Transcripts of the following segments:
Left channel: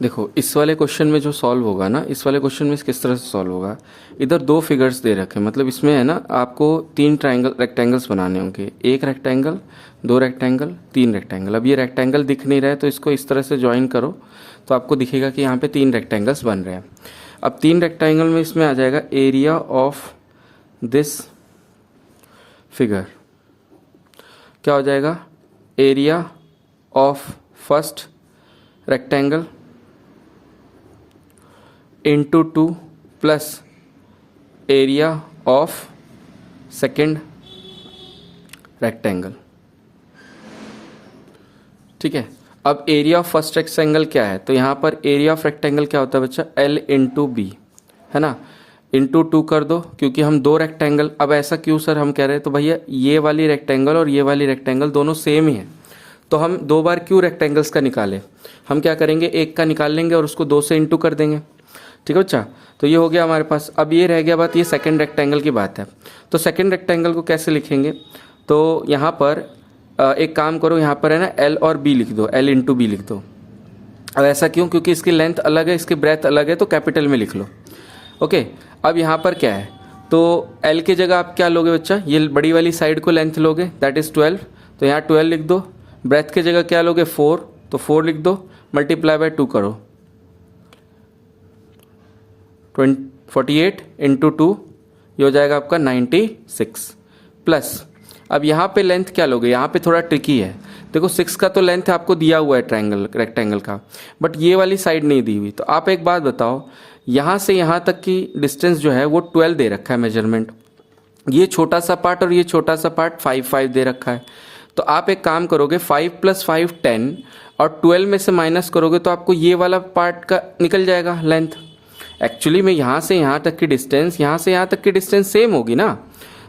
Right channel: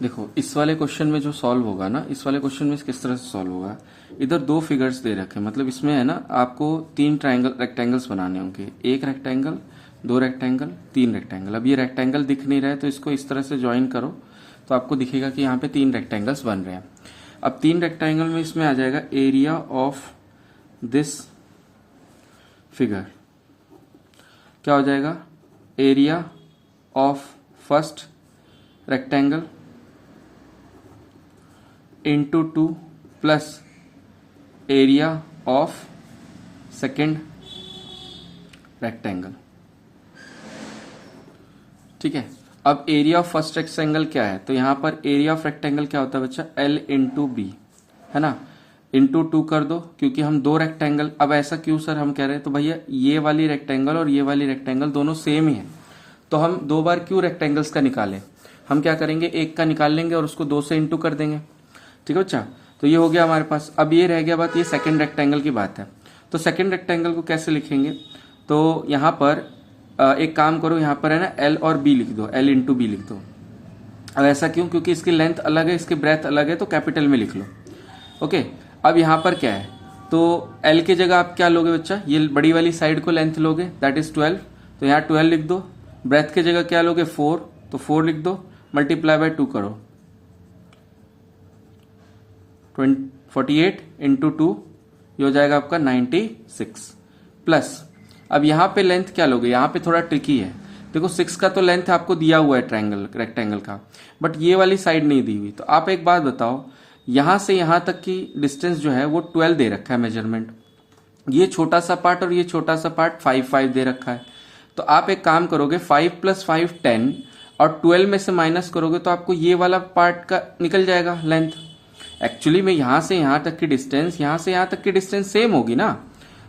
देखो इस वाले क्वेश्चन में जो सॉल्व होगा ना, इस वाले क्वेश्चन में किस तरह से सॉल्व होगा। इधर दो फिगर्स दे रखे हैं, मतलब इसमें है ना आपको तीन ट्रायंगल रेक्टेंगल्स बनाने होंगे, एक रेक्टेंगल, दो रेक्टेंगल, तीन रेक्टेंगल। अब ये रेक्टेंगल दिख नहीं रहा है तो इसको इस तरह से ज्वाइन करो तो आपको दिखेगा कि यहाँ पे तीन रेक्टेंगल्स बन रहे हैं। अब तीन रेक्टेंगल में इसमें आ जाएगा एरिया ऑफ दिस फिगर, क्या हो जाएगा, area of first rectangle into 2 plus area of second rectangle. ठीक है, अब एरिया ऑफ फर्स्ट रेक्टेंगल क्या है, तो यहां पर एरिया ऑफ रेक्टेंगल क्या होता है बच्चा, L इंटू बी, है ना, इंटू 2 कर दो, क्योंकि हम दो रेक्टेंगल, अब ऐसा क्यों सर हम कह रहे हैं, तो भैया ये वाली रेक्टेंगल और ये वाली रेक्टेंगल दोनों सेम ही है, तो हम दो बार क्यों रेक्टेंगल्स का निकालें, हम क्या करेंगे, एक का निकाल लेंगे और उसको 2 से इंटू कर देंगे। ठीक है बच्चा, तो ये हो गया हमारे पास। अब ये रह गया बात, ये सेकंड रेक्टेंगल की बात है, तो सेकंड रेक्टेंगल को कैसे लिखेंगे, तो यहाँ पर एक काम करो, यहाँ पर है ना L और B लिख दो, L इंटू बी लिख दो। अब ऐसा क्यों, क्योंकि इसकी लेंथ अलग है, इसकी ब्रेथ अलग है, तो कैपिटल में लिख लो। ओके, अब यहाँ पर क्या है, तो L की जगह आप क्या लोगे बच्चा, ये बड़ी वाली साइड को लेंथ लोगे, दैट इज 12, तो यहाँ 12 लिख दो। ब्रेथ की जगह क्या लोगे, 4, तो 4 लिख दो, मल्टीप्लाई बाय 2 करो, 48 इंटू 2, ये हो जाएगा आपका 96 प्लस। अब यहाँ पे लेंथ क्या लोगे, यहाँ पे थोड़ा ट्रिकी है, देखो 6 का तो लेंथ आपको दिया हुआ है ट्रायंगल रेक्टेंगल का, बट ये वाली साइड नहीं दी हुई, तो आप एक बात बताओ, यहाँ से यहाँ तक की डिस्टेंस जो है वो 12 दे रखा है मेजरमेंट, ये छोटा सा पार्ट और ये छोटा सा पार्ट 5 दे रखा है, तो आप एक काम करोगे 5 + 5 10 और 12 में से माइनस करोगे तो आपको ये वाला पार्ट का निकल जाएगा लेंथ। एक्चुअली में यहाँ से यहाँ तक की डिस्टेंस, यहाँ से यहाँ तक की डिस्टेंस सेम होगी ना,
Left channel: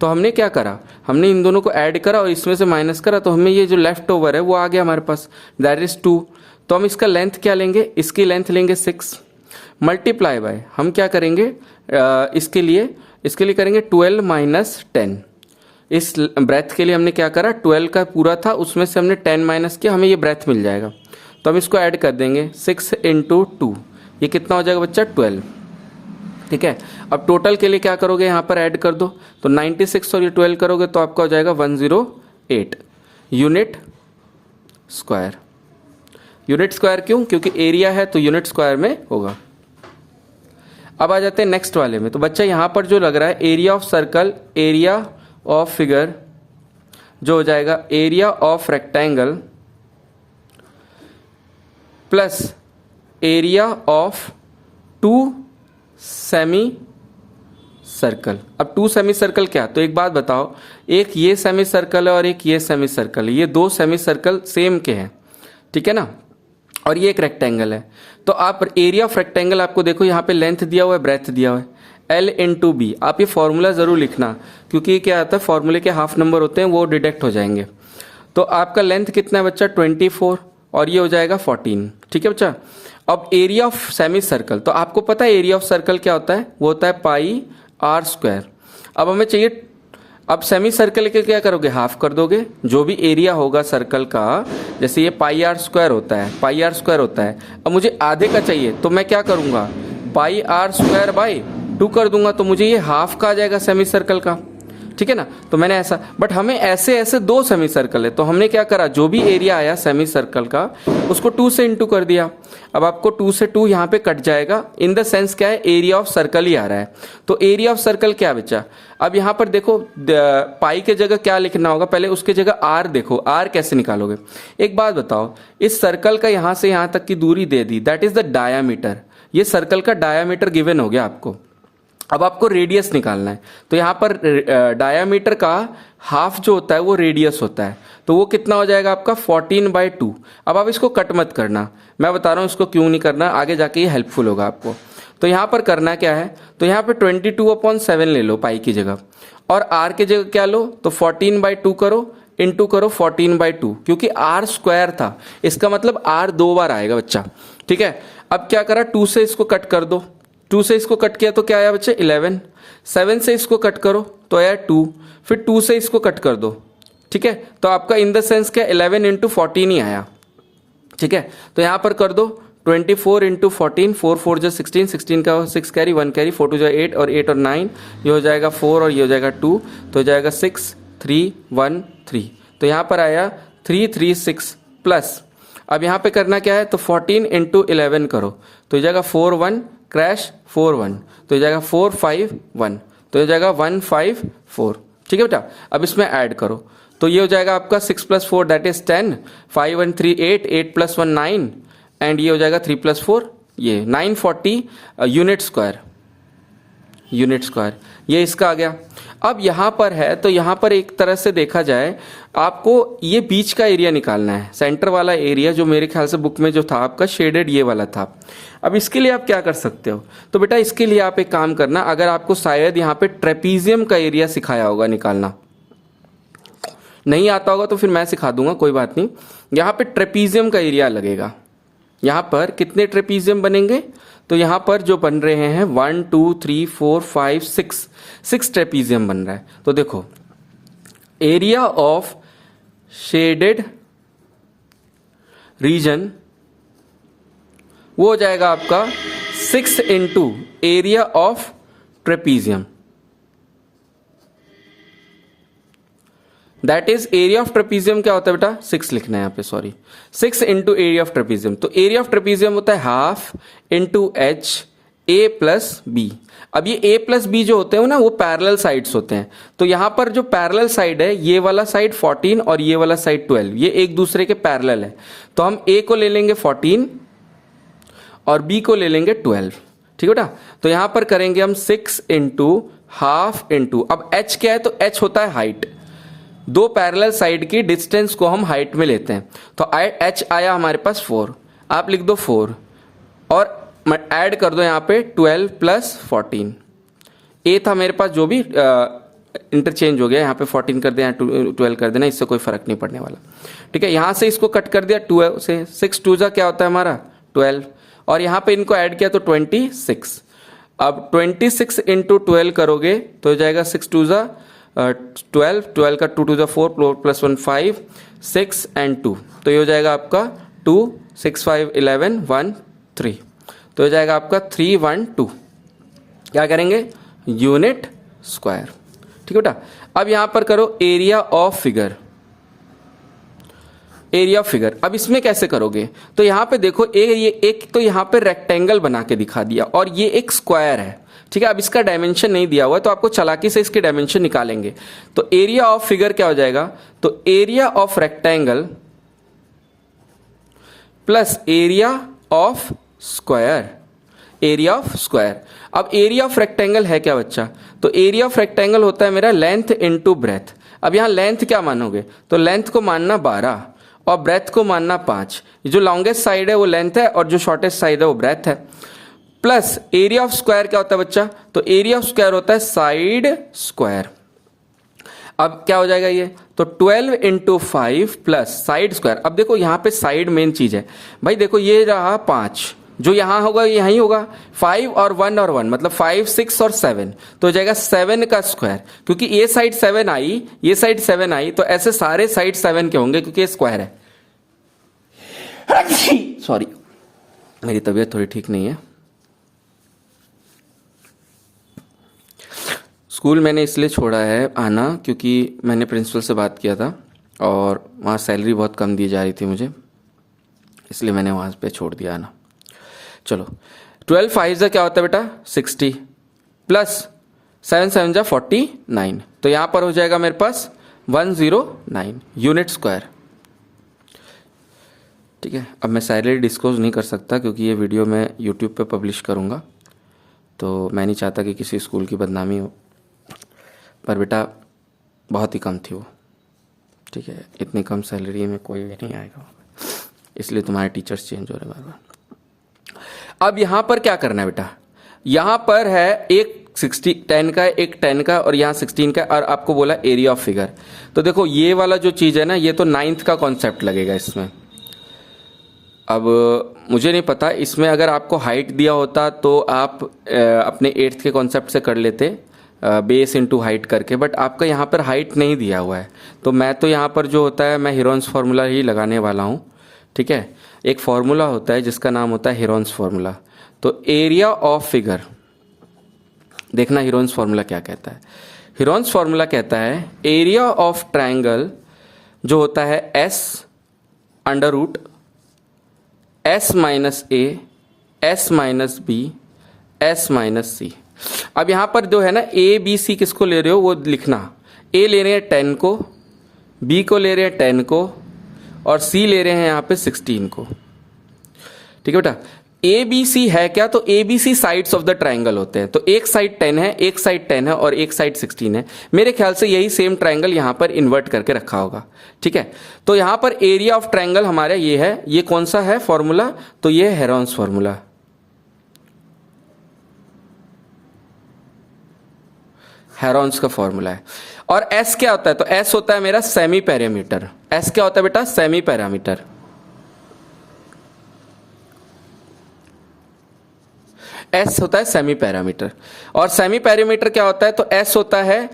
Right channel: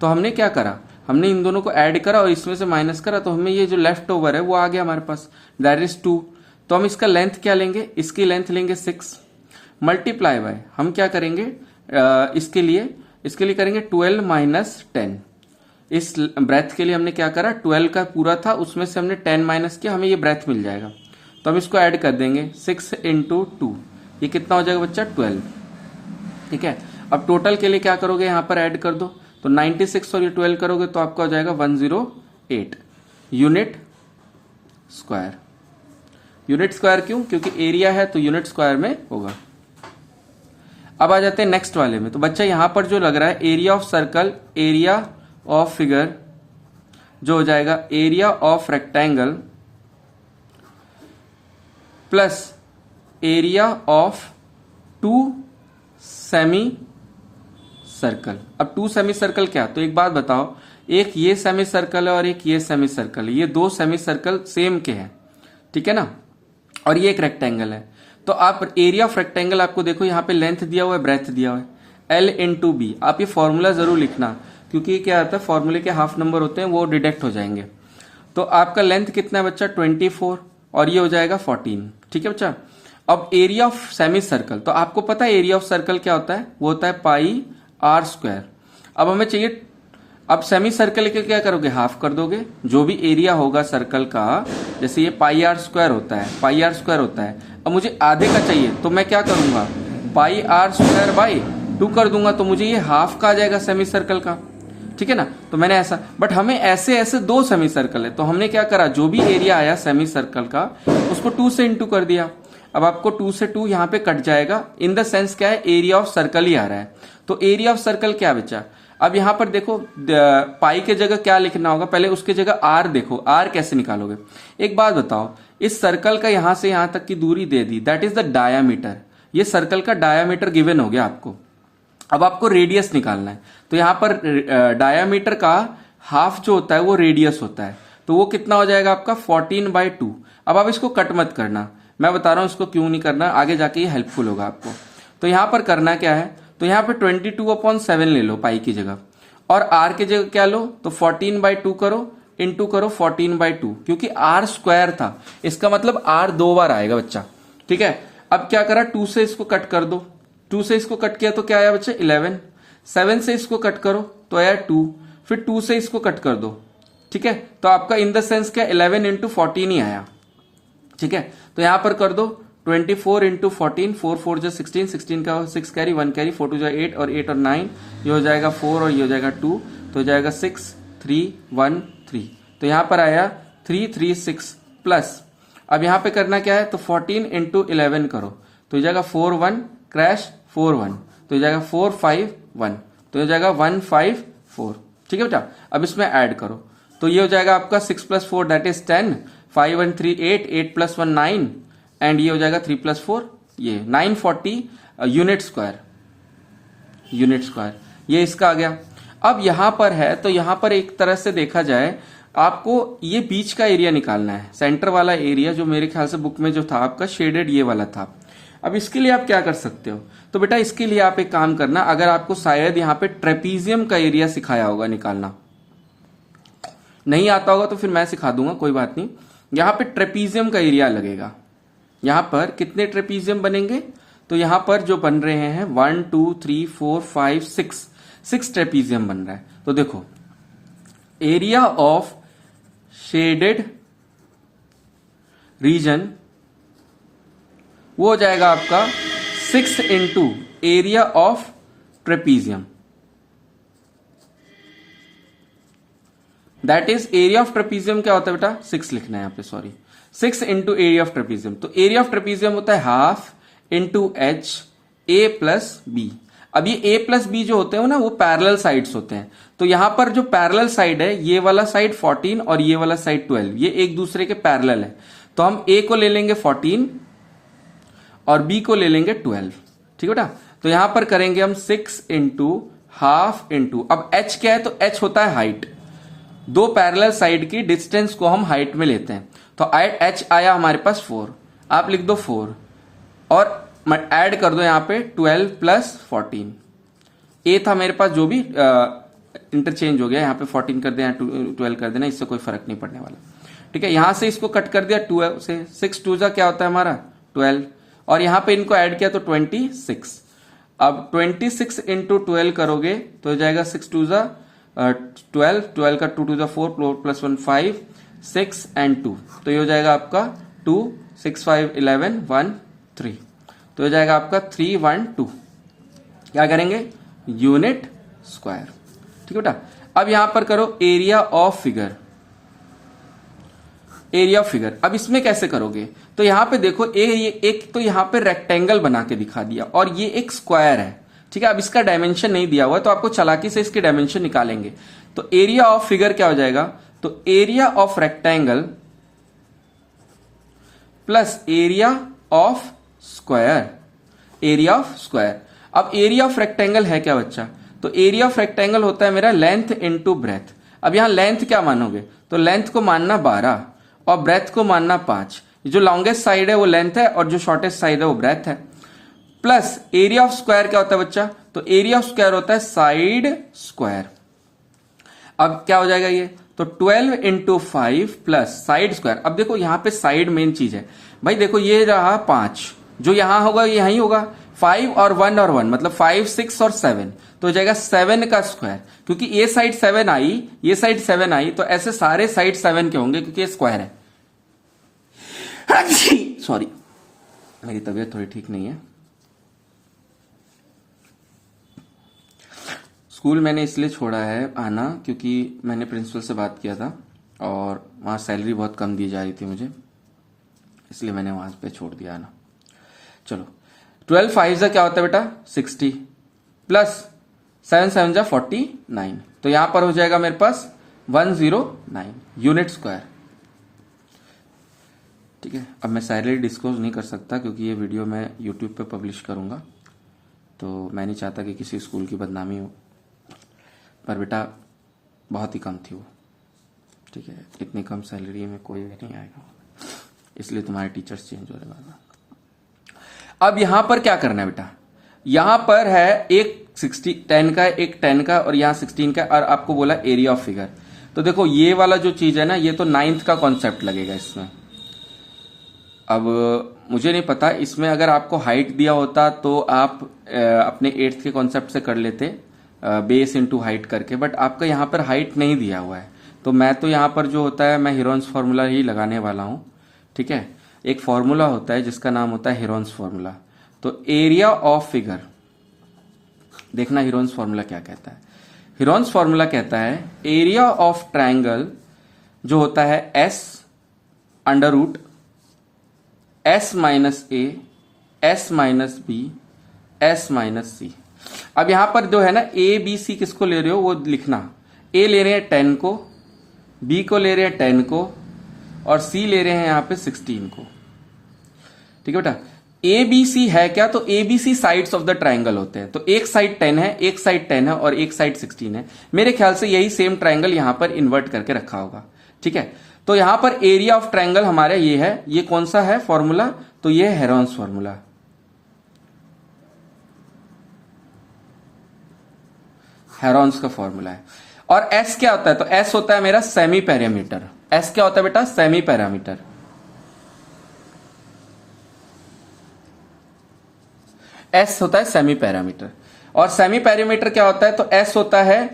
तो हमने क्या करा, हमने इन दोनों को ऐड करा और इसमें से माइनस करा, तो हमें ये जो लेफ्ट ओवर है वो आ गया हमारे पास, दैट इज 2। तो हम इसका लेंथ क्या लेंगे, इसकी लेंथ लेंगे 6 मल्टीप्लाई बाय, हम क्या करेंगे इसके लिए करेंगे 12 - 10। इस ब्रेथ के लिए हमने क्या करा, 12 का पूरा था, उसमें से हमने 10 माइनस किया, हमें ये ब्रेथ मिल जाएगा, तो हम इसको ऐड कर देंगे 6 इंटू 2, ये कितना हो जाएगा बच्चा, 12। ठीक है, अब टोटल के लिए क्या करोगे, यहां पर ऐड कर दो, तो 96 और ये 12 करोगे तो आपका हो जाएगा 108 यूनिट स्क्वायर। यूनिट स्क्वायर क्यों, क्योंकि एरिया है तो यूनिट स्क्वायर में होगा। अब आ जाते हैं नेक्स्ट वाले में, तो बच्चा यहां पर जो लग रहा है area of circle, area of figure जो हो जाएगा area of rectangle plus area of 2 semi circle. अब 2 सेमी सर्कल क्या, तो एक बात बताओ, एक ये सेमी सर्कल है और एक ये सेमी सर्कल है, ये 2 सेमी सर्कल सेम के हैं, ठीक है ना, और ये एक रेक्टेंगल है, तो आप एरिया ऑफ रेक्टेंगल आपको देखो यहाँ पे लेंथ दिया हुआ है, ब्रेथ दिया हुआ है, L इंटू बी। आप ये फॉर्मूला जरूर लिखना, क्योंकि क्या आता है, फॉर्मूले के हाफ नंबर होते हैं वो डिडक्ट हो जाएंगे। तो आपका लेंथ कितना है बच्चा, 24 और ये हो जाएगा 14। ठीक है बच्चा, अब एरिया ऑफ सेमी सर्कल, तो आपको पता है एरिया ऑफ सर्कल क्या होता है, वो होता है πr²। अब हमें चाहिए, अब सेमी सर्कल के क्या करोगे, हाफ कर दोगे, जो भी एरिया होगा सर्कल का, जैसे ये πr² होता है, πr² होता है, अब मुझे आधे का चाहिए, तो मैं क्या करूंगा, πr²/2 कर दूंगा, तो मुझे ये हाफ का आ जाएगा सेमी सर्कल का। ठीक है ना, तो मैंने ऐसा, बट हमें ऐसे 2 सेमी सर्कल है, तो हमने क्या करा, जो भी एरिया आया सेमी सर्कल का उसको 2 से इंटू कर दिया। अब आपको 2 से 2 यहाँ पे कट जाएगा, इन द सेंस क्या है, एरिया ऑफ सर्कल ही आ रहा है, तो एरिया ऑफ सर्कल क्या बचा। अब यहाँ पर देखो पाई के जगह क्या लिखना होगा, पहले उसके जगह आर देखो, आर कैसे निकालोगे। एक बात बताओ, इस सर्कल का यहाँ से यहाँ तक की दूरी दे दी, दैट इज द डायामीटर, ये सर्कल का डायामीटर गिवन हो गया आपको। अब आपको रेडियस निकालना है, तो यहाँ पर डायामीटर का हाफ जो होता है वो रेडियस होता है, तो वो कितना हो जाएगा आपका 14/2। अब आप इसको कट मत करना, मैं बता रहा हूं इसको क्यों नहीं करना, आगे जाके ये हेल्पफुल होगा आपको। तो यहाँ पर करना क्या है, तो यहाँ पे 22/7 ले लो पाई की जगह, और आर की जगह क्या लो, तो 14/2 करो, इंटू करो 14/2, क्योंकि आर स्क्वायर था, इसका मतलब आर 2 बार आएगा बच्चा। ठीक है, अब क्या करा, 2 से इसको कट कर दो, 2 से इसको कट किया तो क्या आया बच्चे 11, 7 से इसको कट करो तो आया 2, फिर 2 से इसको कट कर दो। ठीक है, तो आपका इन द सेंस क्या 11 × 14 ही आया। ठीक है, तो यहां पर कर दो 24 इंटू 14, 4 4 जो 16, 16 का 6 कैरी 1 कैरी 4 2 जो 8 और 8 और 9, ये हो जाएगा 4 और ये हो जाएगा 2, तो हो जाएगा 6 3 1 3। तो यहाँ पर आया 3 3 6 प्लस, अब यहाँ पे करना क्या है, तो 14 इंटू 11 करो, तो हो जाएगा 4 1 क्रैश 4 1, तो हो जाएगा 4 5 1, तो हो जाएगा 1 5 4। ठीक है बेटा, अब इसमें ऐड करो, तो ये हो जाएगा आपका 6 plus 4 that is 10, 5 1 3 8, 8 plus 1 9, and ये हो जाएगा 3 प्लस 4 ये 940 यूनिट स्क्वायर, यूनिट स्क्वायर, ये इसका आ गया। अब यहां पर है, तो यहां पर एक तरह से देखा जाए आपको ये बीच का एरिया निकालना है, सेंटर वाला एरिया जो मेरे ख्याल से बुक में जो था आपका शेडेड ये वाला था। अब इसके लिए आप क्या कर सकते हो, तो बेटा इसके लिए आप एक काम करना, अगर आपको शायद यहाँ पे ट्रेपीजियम का एरिया सिखाया होगा निकालना, नहीं आता होगा तो फिर मैं सिखा दूंगा, कोई बात नहीं। यहाँ पे ट्रेपीजियम का एरिया लगेगा, यहाँ पर कितने ट्रेपीजियम बनेंगे, तो यहाँ पर जो बन रहे हैं 1 2 3 4 5 6 ट्रेपीजियम बन रहा है। तो देखो एरिया ऑफ शेडेड रीजन वो हो जाएगा आपका 6 into area of trapezium, that is area of trapezium क्या होता है बेटा, 6 लिखना है यहाँ पे, sorry 6 into area of trapezium. तो एरिया ऑफ ट्रेपीजियम होता है half into H A plus B. अब ये ए प्लस बी जो होते हैं ना वो पैरेलल साइड्स होते हैं, तो यहां पर जो पैरेलल साइड है ये वाला साइड 14 और ये वाला साइड 12, ये एक दूसरे के पैरेलल है, तो हम ए को ले लेंगे 14 और बी को ले लेंगे 12। ठीक है बेटा, तो यहां पर करेंगे हम 6 इंटू हाफ इंटू, अब एच क्या है, तो एच होता है हाइट, दो पैरेलल साइड की डिस्टेंस को हम हाइट में लेते हैं, तो एच आया हमारे पास 4, आप लिख दो 4 और ऐड कर दो यहां पे 12 प्लस 14, ए था मेरे पास जो भी इंटरचेंज हो गया, यहां पे 14 कर देना 12 कर देना, इससे कोई फर्क नहीं पड़ने वाला। ठीक है, यहां से इसको कट कर दिया 2 से, 6 2 क्या होता है हमारा 12, और यहां पे इनको ऐड किया तो 26। अब 26 इंटू 12 करोगे तो हो जाएगा 6 2 12, 12 का 2 2 4 प्लस 1 5 6 एंड 2, तो ये हो जाएगा आपका 2 6 5 11 1 3, तो हो जाएगा आपका 3 1 2। क्या करेंगे, यूनिट स्क्वायर। ठीक है बेटा, अब यहां पर करो area of figure, area of figure. अब इसमें कैसे करोगे, तो यहां पे देखो ये एक तो यहां पे रेक्टेंगल बना के दिखा दिया और ये एक स्क्वायर है। ठीक है, अब इसका डायमेंशन नहीं दिया हुआ तो आपको चालाकी से इसके डायमेंशन निकालेंगे, तो एरिया ऑफ फिगर क्या हो जाएगा, तो area of rectangle plus area of square, area of square. अब एरिया ऑफ रेक्टेंगल है क्या बच्चा, तो एरिया ऑफ रेक्टेंगल होता है मेरा लेंथ इनटू ब्रेथ। अब यहां लेंथ क्या मानोगे, तो लेंथ को मानना 12 और ब्रेथ को मानना 5, जो लॉन्गेस्ट साइड है वो लेंथ है और जो शॉर्टेस्ट साइड है वो ब्रेथ है, प्लस एरिया ऑफ स्क्वायर क्या होता है बच्चा, तो एरिया ऑफ स्क्वायर होता है साइड स्क्वायर। अब क्या हो जाएगा ये, तो 12 इंटू 5 प्लस साइड स्क्वायर। अब देखो यहां पे साइड मेन चीज है भाई, देखो ये रहा 5, जो यहां होगा ये यहीं होगा, 5 और 1 मतलब 5 6 और 7, तो हो जाएगा 7 का स्क्वायर, क्योंकि ये साइड 7 आई ये साइड 7 आई, तो ऐसे सारे साइड 7 के होंगे क्योंकि ये स्क्वायर है। सॉरी, मेरी तबीयत थोड़ी ठीक नहीं है। स्कूल मैंने इसलिए छोड़ा है आना क्योंकि मैंने प्रिंसिपल से बात किया था और वहाँ सैलरी बहुत कम दी जा रही थी मुझे, इसलिए मैंने वहाँ पे छोड़ दिया आना। चलो 12 5 क्या होता है बेटा 60 प्लस 7 7 49, तो यहाँ पर हो जाएगा मेरे पास 109 यूनिट स्क्वायर। ठीक है, अब मैं सैलरी डिस्क्लोज नहीं कर सकता क्योंकि ये वीडियो मैं यूट्यूब पे पब्लिश करूँगा, तो मैं नहीं चाहता कि किसी स्कूल की बदनामी हो, पर बेटा बहुत ही कम थी वो। ठीक है, इतनी कम सैलरी में कोई भी नहीं आएगा, इसलिए तुम्हारे टीचर्स चेंज हो रहे हैं बार बार। अब यहां पर क्या करना है बेटा, यहां पर है एक 10 का एक 10 का और यहां 16 का, और आपको बोला एरिया ऑफ फिगर। तो देखो ये वाला जो चीज है ना, ये तो 9th का कॉन्सेप्ट लगेगा इसमें। अब मुझे नहीं पता, इसमें अगर आपको हाइट दिया होता तो आप अपने 8th के कॉन्सेप्ट से कर लेते, बेस इनटू हाइट करके, बट आपका यहाँ पर हाइट नहीं दिया हुआ है, तो मैं तो यहाँ पर जो होता है मैं हीरोन्स फार्मूला ही लगाने वाला हूँ। ठीक है, एक फॉर्मूला होता है जिसका नाम होता है हेरोन्स फॉर्मूला। तो एरिया ऑफ फिगर, देखना हेरोन्स फॉर्मूला क्या कहता है। हेरोन्स फॉर्मूला कहता है एरिया ऑफ ट्रायंगल जो होता है S under root S minus A S minus B S minus C. अब यहां पर जो है ना ए बी सी किसको ले रहे हो वो लिखना। ए ले रहे हैं 10 को, बी को ले रहे हैं 10 को, और सी ले रहे हैं यहां पे 16 को। ठीक है बेटा, ए बी सी है क्या, तो A B C sides of the triangle होते हैं। तो एक साइड 10 है, एक साइड 10 है और एक साइड 16 है। मेरे ख्याल से यही सेम ट्राइंगल यहां पर इन्वर्ट करके रखा होगा। ठीक है, तो यहां पर एरिया ऑफ ट्राइंगल हमारा ये है। ये कौन सा है फॉर्मूला, तो ये हेरोन्स फॉर्मूला। हेरोन्स का फॉर्मूला है। और एस क्या होता है, तो एस होता है मेरा सेमी पैरामीटर। एस क्या होता है बेटा, सेमी पैरामीटर। एस होता है सेमी पैरामीटर। और सेमी पैरामीटर क्या होता है, तो एस होता है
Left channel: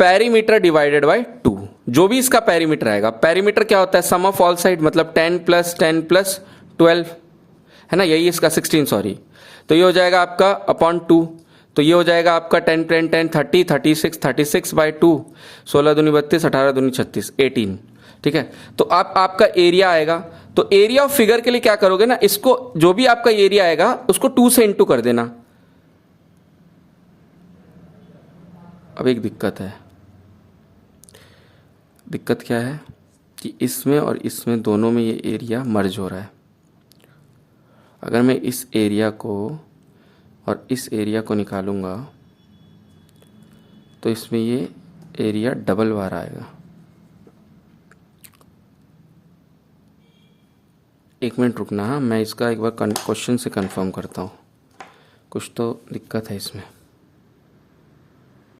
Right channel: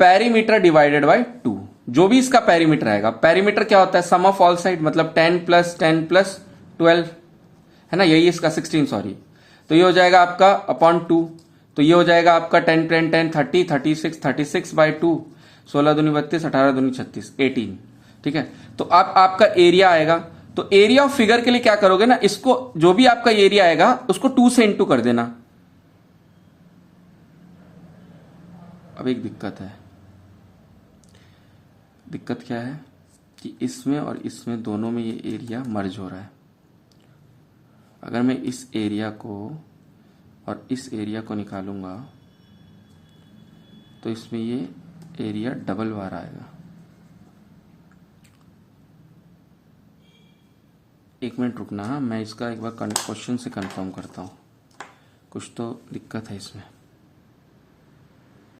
पैरीमीटर डिवाइडेड बाय 2। जो भी इसका पैरीमीटर आएगा, पैरीमीटर क्या होता है, सम ऑफ ऑल साइड, मतलब 10 प्लस 10 प्लस 12 है ना, यही इसका 16 सॉरी। तो ये हो जाएगा आपका अपॉन 2। तो ये हो जाएगा आपका 10 10 10 30 36 36 बाई 2, 16 दूनी 32, 18 दूनी 36, 18। ठीक है, तो आपका एरिया आएगा। तो एरिया ऑफ फिगर के लिए क्या करोगे ना, इसको जो भी आपका एरिया आएगा उसको 2 से इंटू कर देना। अब एक दिक्कत है। दिक्कत क्या है कि इसमें और इसमें दोनों में ये एरिया मर्ज हो रहा है। अगर मैं इस एरिया को और इस एरिया को निकालूंगा तो इसमें ये एरिया डबल बार आएगा। एक मिनट रुकना, हाँ मैं इसका एक बार क्वेश्चन से कंफर्म करता हूँ, कुछ तो दिक्कत है इसमें।